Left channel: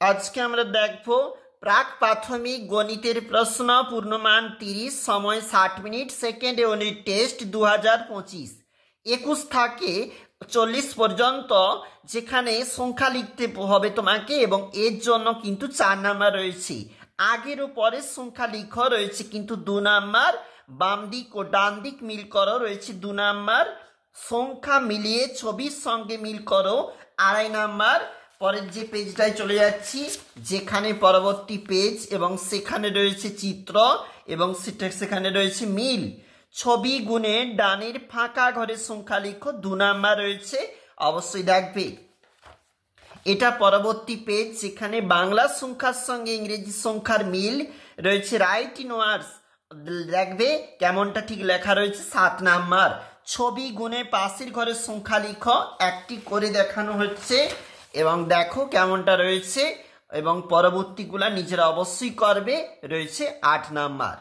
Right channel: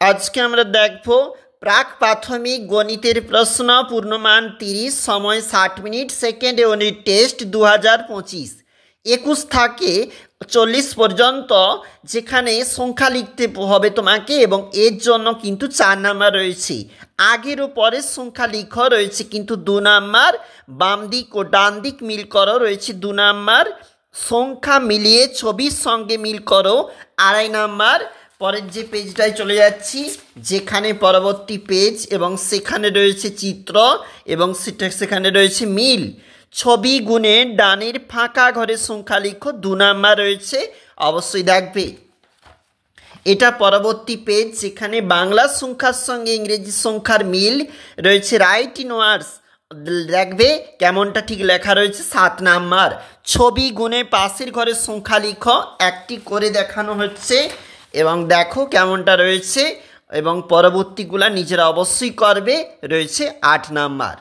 আজকে আমরা দেখব প্রাক প্রাথমিক গণিতের প্রশ্ন, পূর্ণমান 30, সময় 60 মিনিট, সেকেন্ড ইউনিট টেস্ট 2025। 21 থেকে 40 পর্যন্ত, যেখানে সংখ্যা লিখতে হবে তোমাকে, এবং এর জন্য কিন্তু 4 নাম্বার রয়েছে। আগের ও পরের সংখ্যা লিখো রয়েছে কিন্তু 2 নাম্বার, বাম দিক ও ডান দিক মিল করো রয়েছে 2 নাম্বার, সংখ্যা মিলিয়ে ছবির সঙ্গে মিল করো 2.5 নাম্বার। পরের যে পেজটায় চলে যাচ্ছি, যেখানে পরবর্তী পেজ এবং সেখানে রয়েছে চিত্র এবং সেখানে রয়েছে মিল। ছবি গুণে ডানের ফাঁকা ঘরের সংখ্যা লিখো, 2 নাম্বার রয়েছে, অবশ্যই দেখবে। এটা পরবর্তী পেজ, যেখানে বাংলা সংখ্যার সঙ্গে ইংরেজি সংখ্যার মিল রয়েছে, রাইট ইন ওয়ার্ডস, দেখবে কেমনটা ঠিক লেখা রয়েছে, 7 নাম্বার। ছবি গুণে পাশের ঘরের সংখ্যা লিখো, একটি করে দেখানো হচ্ছে এবং দেখো কেমনটা রয়েছে, এবং পরবর্তীগুলা নিজেরা অবশ্যই করবে, রয়েছে 8 নাম্বার।